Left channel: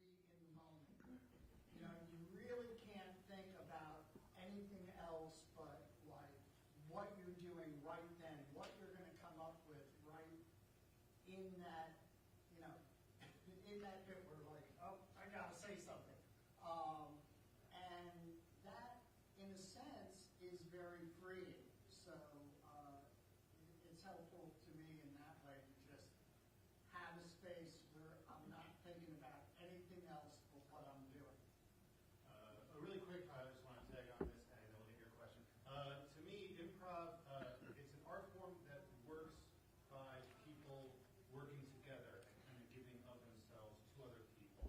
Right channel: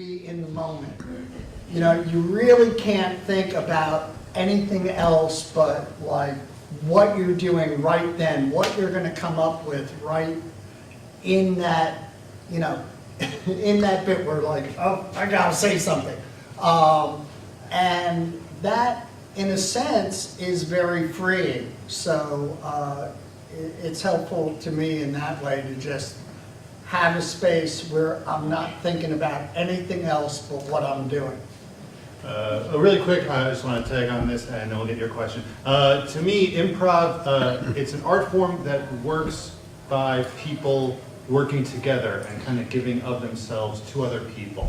be in the moment. You know, you really can't think about anything else but like what you're doing right then, what you're gonna come up with right in that, you know, in that bit where like, oh, I gotta say something. And that, in a sense, is very freeing. So it's helpful to me in that way to just have a space where I'm not thinking about anything else but what I'm doing. Really quick, I just want to tag on this and then we'll get your question. To me, improv, it's an art form that works by people working together and kind of giving of themselves to other people.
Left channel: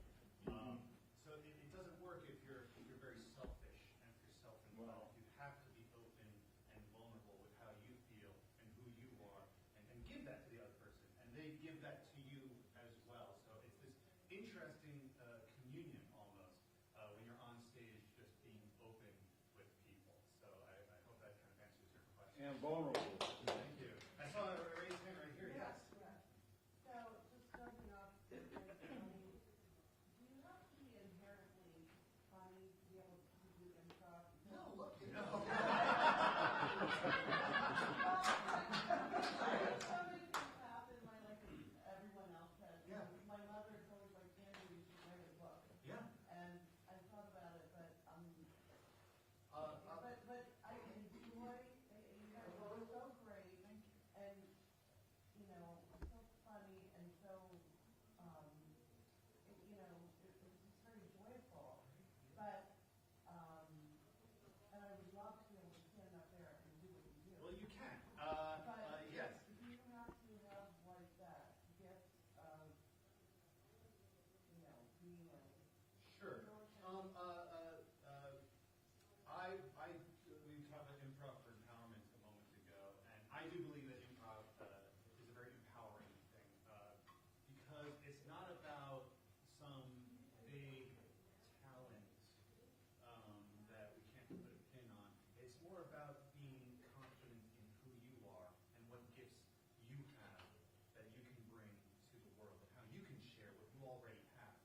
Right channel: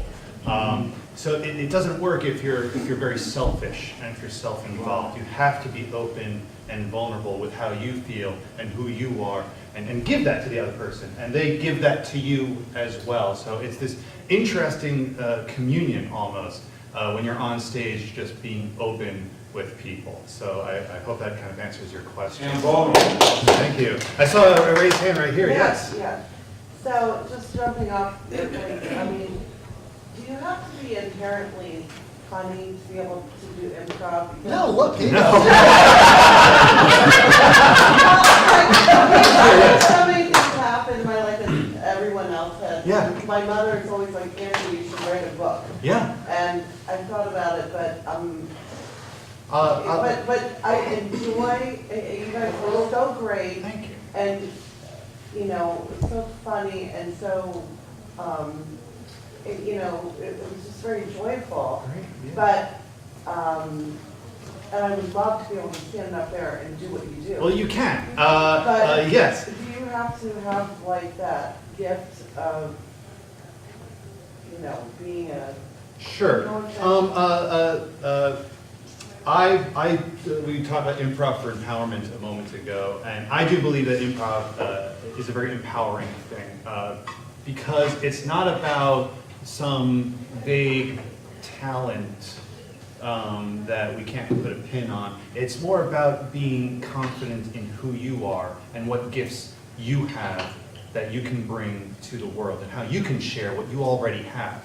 So it doesn't work if you're very selfish and if you're self-involved. You have to be open and vulnerable with how you feel and who you are, and give that to the other person, and they give that to you as well. So it's this interesting communion almost when you're on stage, just being open with people. So I hope that kind of answers your question. And vulnerable. Thank you. I saw a raised hand right here. Yes. Yeah. So just jumping off, I mean, do you have to be inherently funny to be able to do improv? No, look, he No. does. So many things happen in my life that everyone else has. Yeah. My mother is always like, Andrew, you should write a book. Yeah. And I thought about it, but Uh, but I enjoy, you guys are so great, Thank you. and, you know, so funny, and so, you know, it was just very joyful. Great, yeah. But, and I would love to be able to stand up there and do what you do. Well, you can. But Yes. do you have to have like that gift of, you know, being a, Sure. We talked about improv for empowerment a moment ago, and I do believe that improv is a very empowering thing because it's not about some vague talent that we can't put a pin on. It's more about being confident in who you are and what gifts you have that you can bring to the world and how you can share what you already have.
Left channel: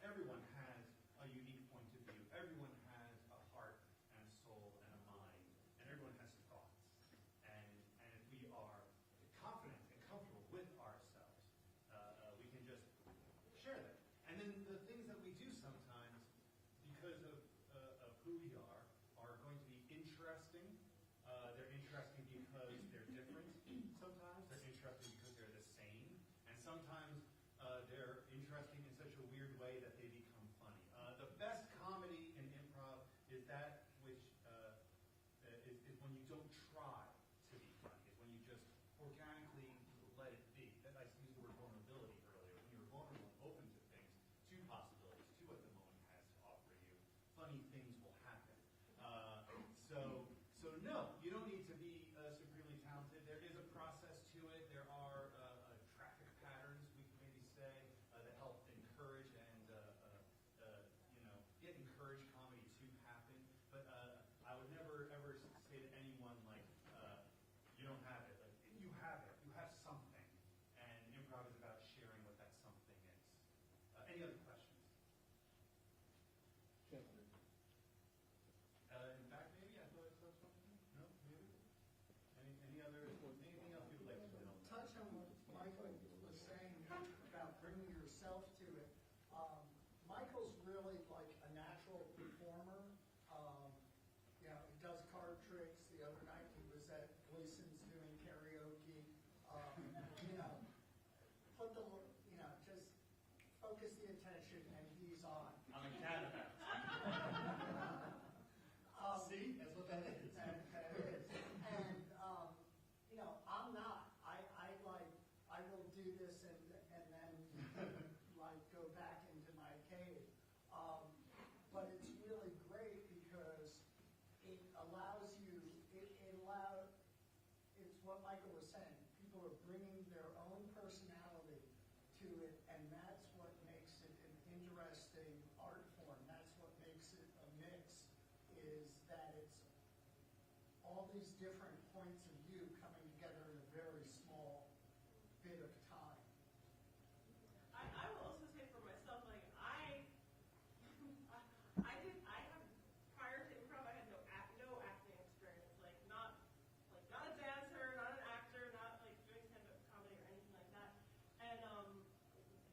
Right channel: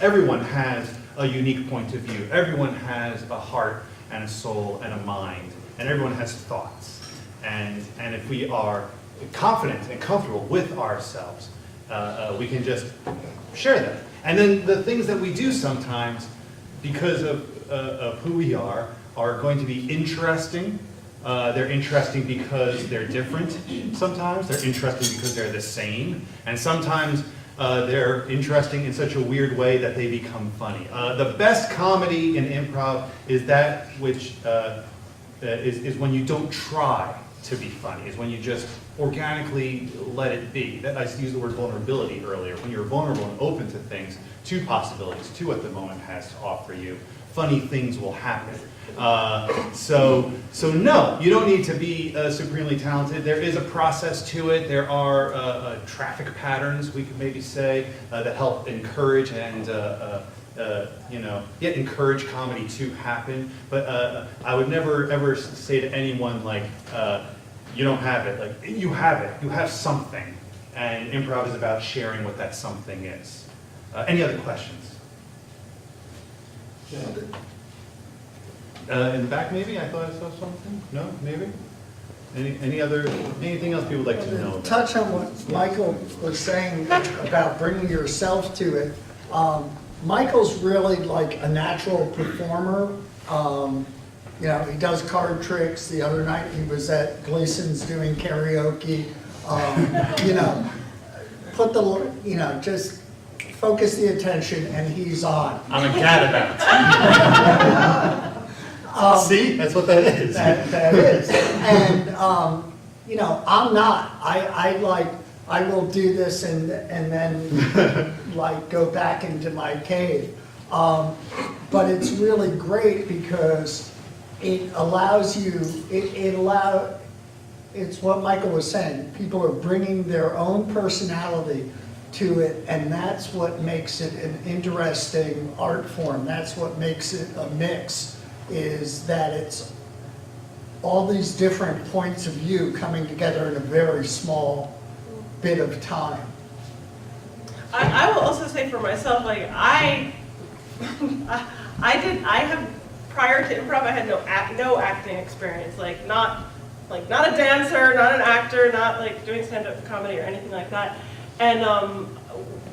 Everyone has a unique point of view. Everyone has a heart and a soul and a mind, and everyone has thoughts. And if we are confident and comfortable with ourselves, we can just share them. And then the things that we do sometimes, because of who we are going to be interesting. They're interesting because they're different sometimes. They're interesting because they're the same. And sometimes they're interesting in such a weird way that they become funny. The best comedy in improv is that which is when you don't try to be funny, is when you just organically let it be. I used the word vulnerability earlier. When you're vulnerable and open to things, to possibilities, to what the moment has to offer you, funny things will happen. So no, you don't need to be supremely talented. There is a process to it. There are traffic patterns, we could maybe say, that help encourage and encourage comedy to happen. But I would never ever say to anyone like, you don't have it. Like, you have it. You have something. And improv is about sharing what that something is. Any other questions? In the back, maybe? I thought I saw something. No, maybe. Anything else people would like to know about? Touch on what Michael was saying about bringing yourself to it. Michael's really like a natural performer. You know, he does card tricks. The other night he was at Gleason's doing karaoke. You know, just focus the attention and he's on. I'm a gadabout. See, that's what that is. That is. And, you know, I'm not. I will do this and then like go back into my cave. But it's really great because it allows you, it's what Michael was saying. People are bringing their own personality to it, and that's what makes it an interesting art form. That's what makes it a mix, is that it's all these different points of view coming together in a very small bit of time. I will also say for myself, like I have, prior to improv, I had no acting experience, like not a dancer, not an actor, not like doing stand-up comedy or anything like that. And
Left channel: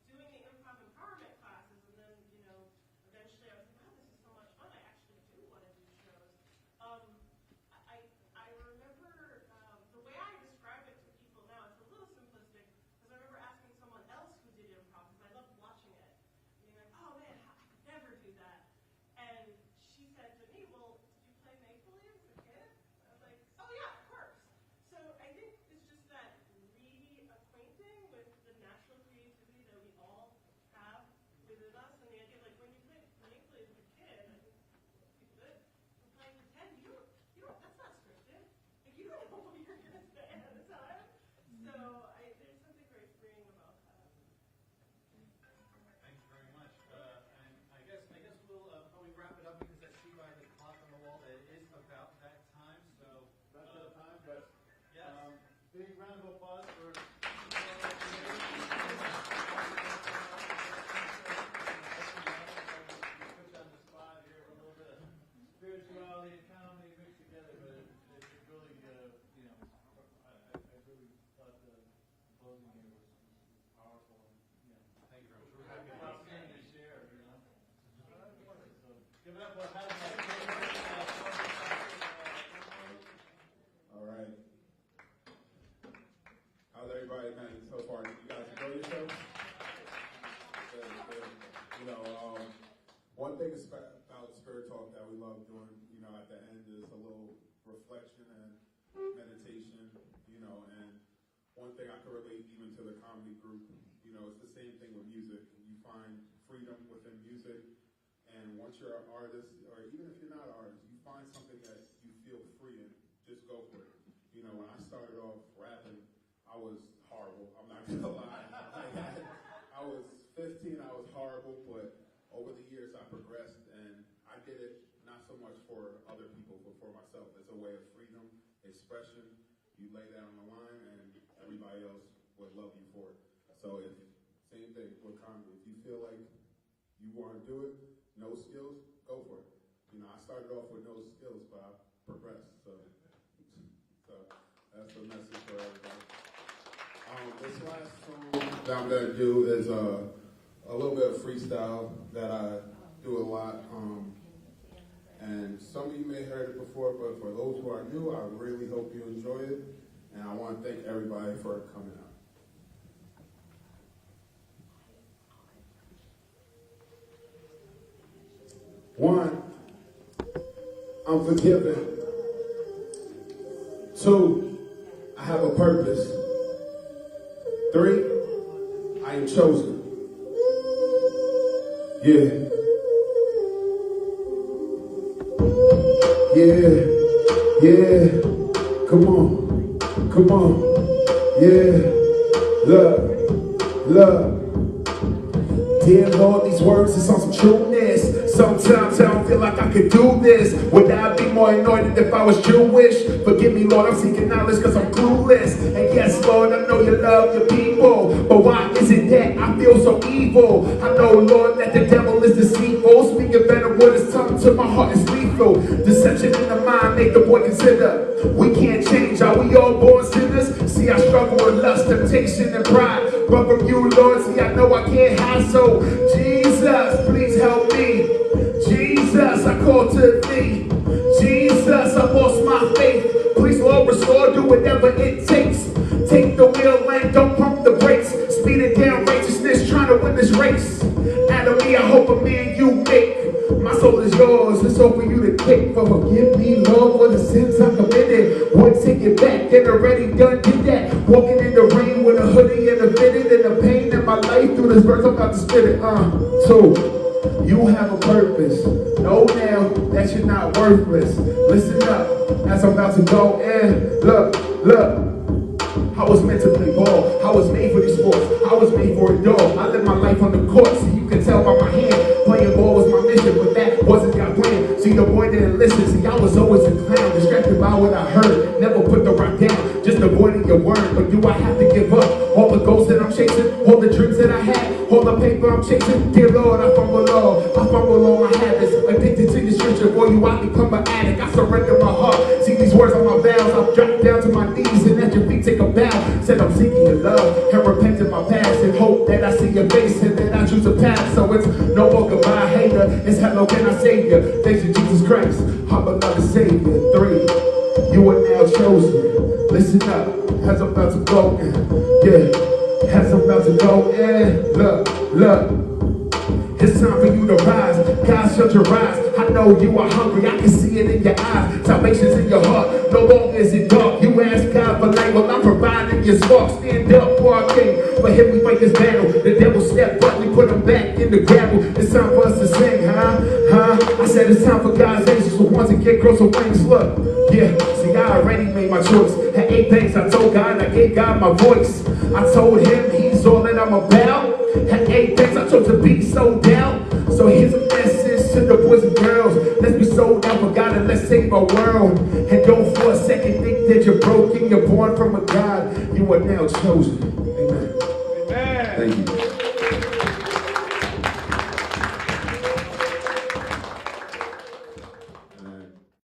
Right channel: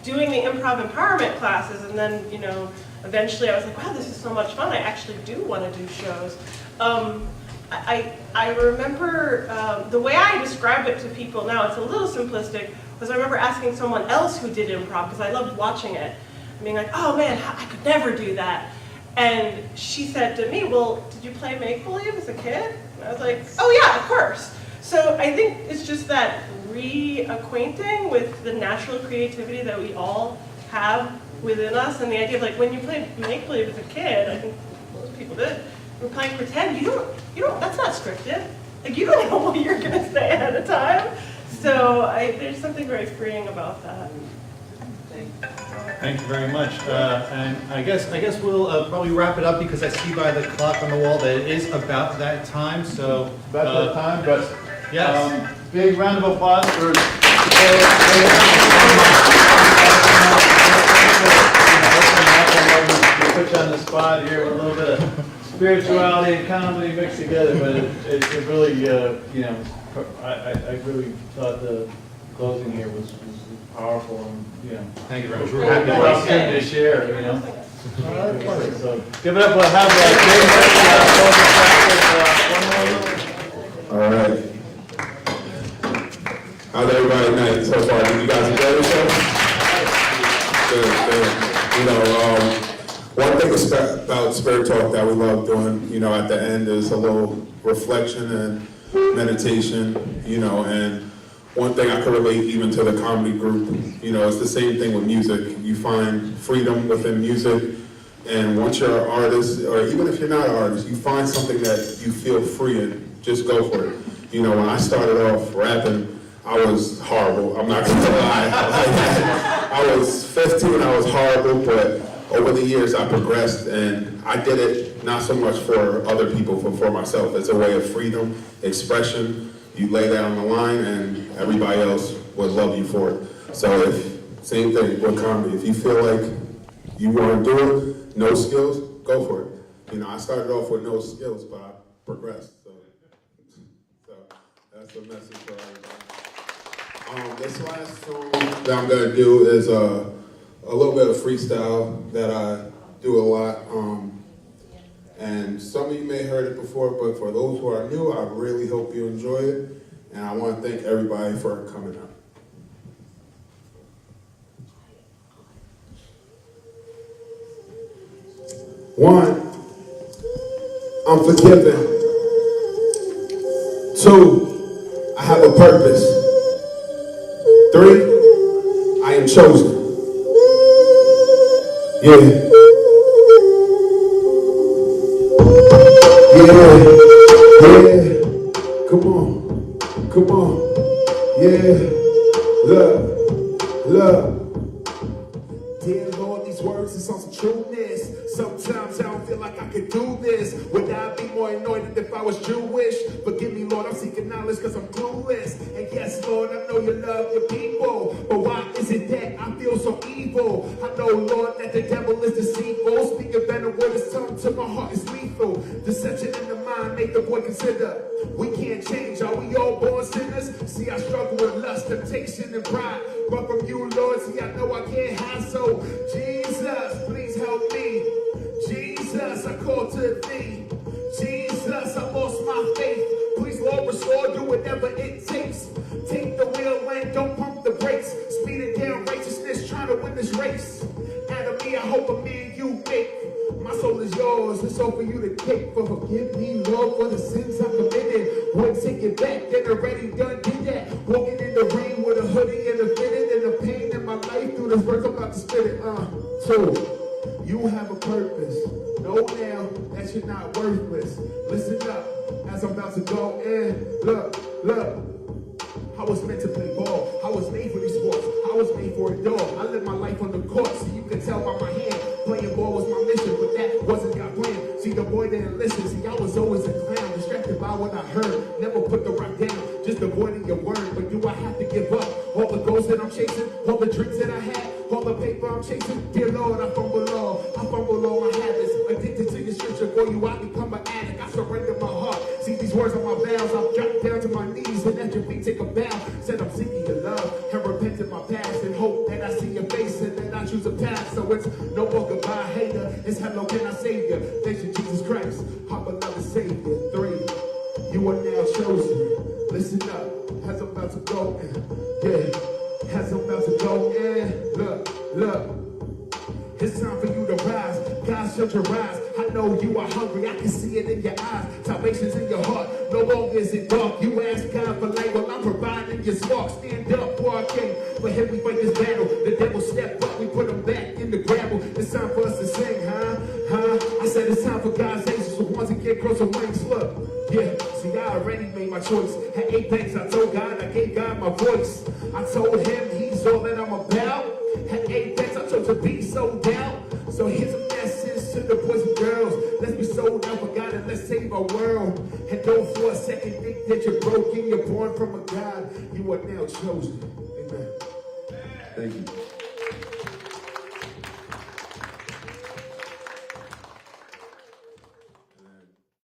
doing the improv empowerment classes, and then, you know, eventually I was like, wow, this is so much fun. I actually do want to do shows. I remember the way I describe it to people now, it's a little simplistic, was I remember asking someone else who did improv, because I loved watching it, and being like, oh man, I could never do that. And she said to me, well, did you play make-believe as a kid? And I was like, oh yeah, of course. So I think it's just that reacquainting with the natural creativity that we all have within us, and the idea of like when you played make-believe as a kid, I think most people did, we're playing pretend, you don't, that's not scripted. Like you don't know what you're gonna say ahead of time. So there's something very freeing about that. Thank you very much. And I guess we'll probably wrap it up because I see by the clock on the wall that it is about that time. So About that time, but yes. big round of applause for. Put you on the spot here with a little bit of spirituality and comedy mixed together, but it really, you know, I really thought the closing here was powerful and, you know. Thank you very much. We're happy Well, to good to share, you know. Right. So give it up, we'll have one more. All right. How's everybody tonight so far? Did you guys enjoy the show? Good. You know, one thing about Spirit Talk that we love doing, you know, at the end is a little reflection and meditation, you know, and one thing I can relate even to the comedy group, you know, it's the same thing with music. You find freedom within music, and once you're an artist, or even if you're not an artist, you find something that you feel free in, just go for it. You know, when I started off rapping, I was horrible, I'm not gonna lie. I was 15, I was horrible, but over the years I progressed, and I did it not so much for other people, but for myself. It's a way of freedom, expression. You lay that on the line, and everybody else would love you for it. So same thing with comedy. If you feel like you want to do it, no skills, go for it. You know, I started off with no skills, but I progressed. So that's the message for everybody. This last song that I'm gonna do is a little bit of freestyle that I do a lot. And some of you may have heard it before, but for those who are new, I really hope you enjoy it. And I want to thank everybody for coming out. One, I'm forgiven. Two, I have a purpose. Three, I am chosen. Yeah. Yeah, come on, yeah, love. Dear Lord, these words is on some trueness. Sometimes I don't feel like I could do this. Would I be more anointed if I was Jewish? Forgive me, Lord, I'm seeking knowledge because I'm clueless. And yes, Lord, I know you love your people, but why is it that I feel so evil? I know, Lord, that the devil is deceitful. Speaking better words, tongue to my heart is lethal. Deception in the mind, make the boy consider. We can't change, are we all born sinners? See, I struggle with lust, temptation, and pride. But from you, Lord, see, I know I can't hide. So, Jesus, please help me. Jesus, I call to thee. Jesus, I lost my faith. Please, Lord, restore, do whatever it takes. Take the wheel and don't pump the brakes. Speed it down, righteousness, trying to win this race. Out of me, I hope a man you make. My soul is yours, it's all for you to take. But forgive me, Lord, for the sins I committed. Would take it back, and already done did that. Walking in the rain with a hoodie and a fitted, and the pain in my life through this verse, I'm about to spit it. Two, you have a purpose. Know now that you're not worthless. Listen up, as I'm about to go in. Look. I was meant to play ball. I was made for these sports. I was made for a dog. I live my life on the court, so you can tell by my hand. Playing ball was my mission, but that wasn't God's plan. See, the boy didn't listen. See, I was always a clown, distracted by what I heard. Never put the rock down, just avoiding your word. But do I have to give up all the goals that I'm chasing, all the dreams that I had, Lord, I fumble all my habits. Addicted to your scripture, boy, you I become an addict. I surrender my heart. See these words on my vows. I've dropped down to my knees and at your feet take a bow. Said I'm seeking your love and repenting my past and hope that I see your face and that I choose a path. So it's no more goodbye, hater. It's hello, can I save you? Thanks to Jesus Christ, I'm another savior. 3, you are now chosen. Listen up, as I'm about to go in. Yeah, as I'm about to go in. Look. It's time for you to rise. God, shut your eyes. I know you are hungry. I can see it in your eyes. Salvation's in your heart. No longer is it dark. You ask God for light. Well, I'm providing your spark. Stand up for our king. For him we fight this battle. The devil stepped up. We put him back in the gravel. It's time for us to sing, huh? I said it's time for God's angels who want to get closer wings. Look, yeah. See, I already made my choice. At Apex, I told God. I gave God my voice. I told him he's all that I'm about. At Apex, I chose to be sold out. So here's a message to the boys and girls. Let's be sold out for God and let's save our world. And don't for a second think that you're broken. You're born from a God. You are now chosen. Amen. Amen. Thank you.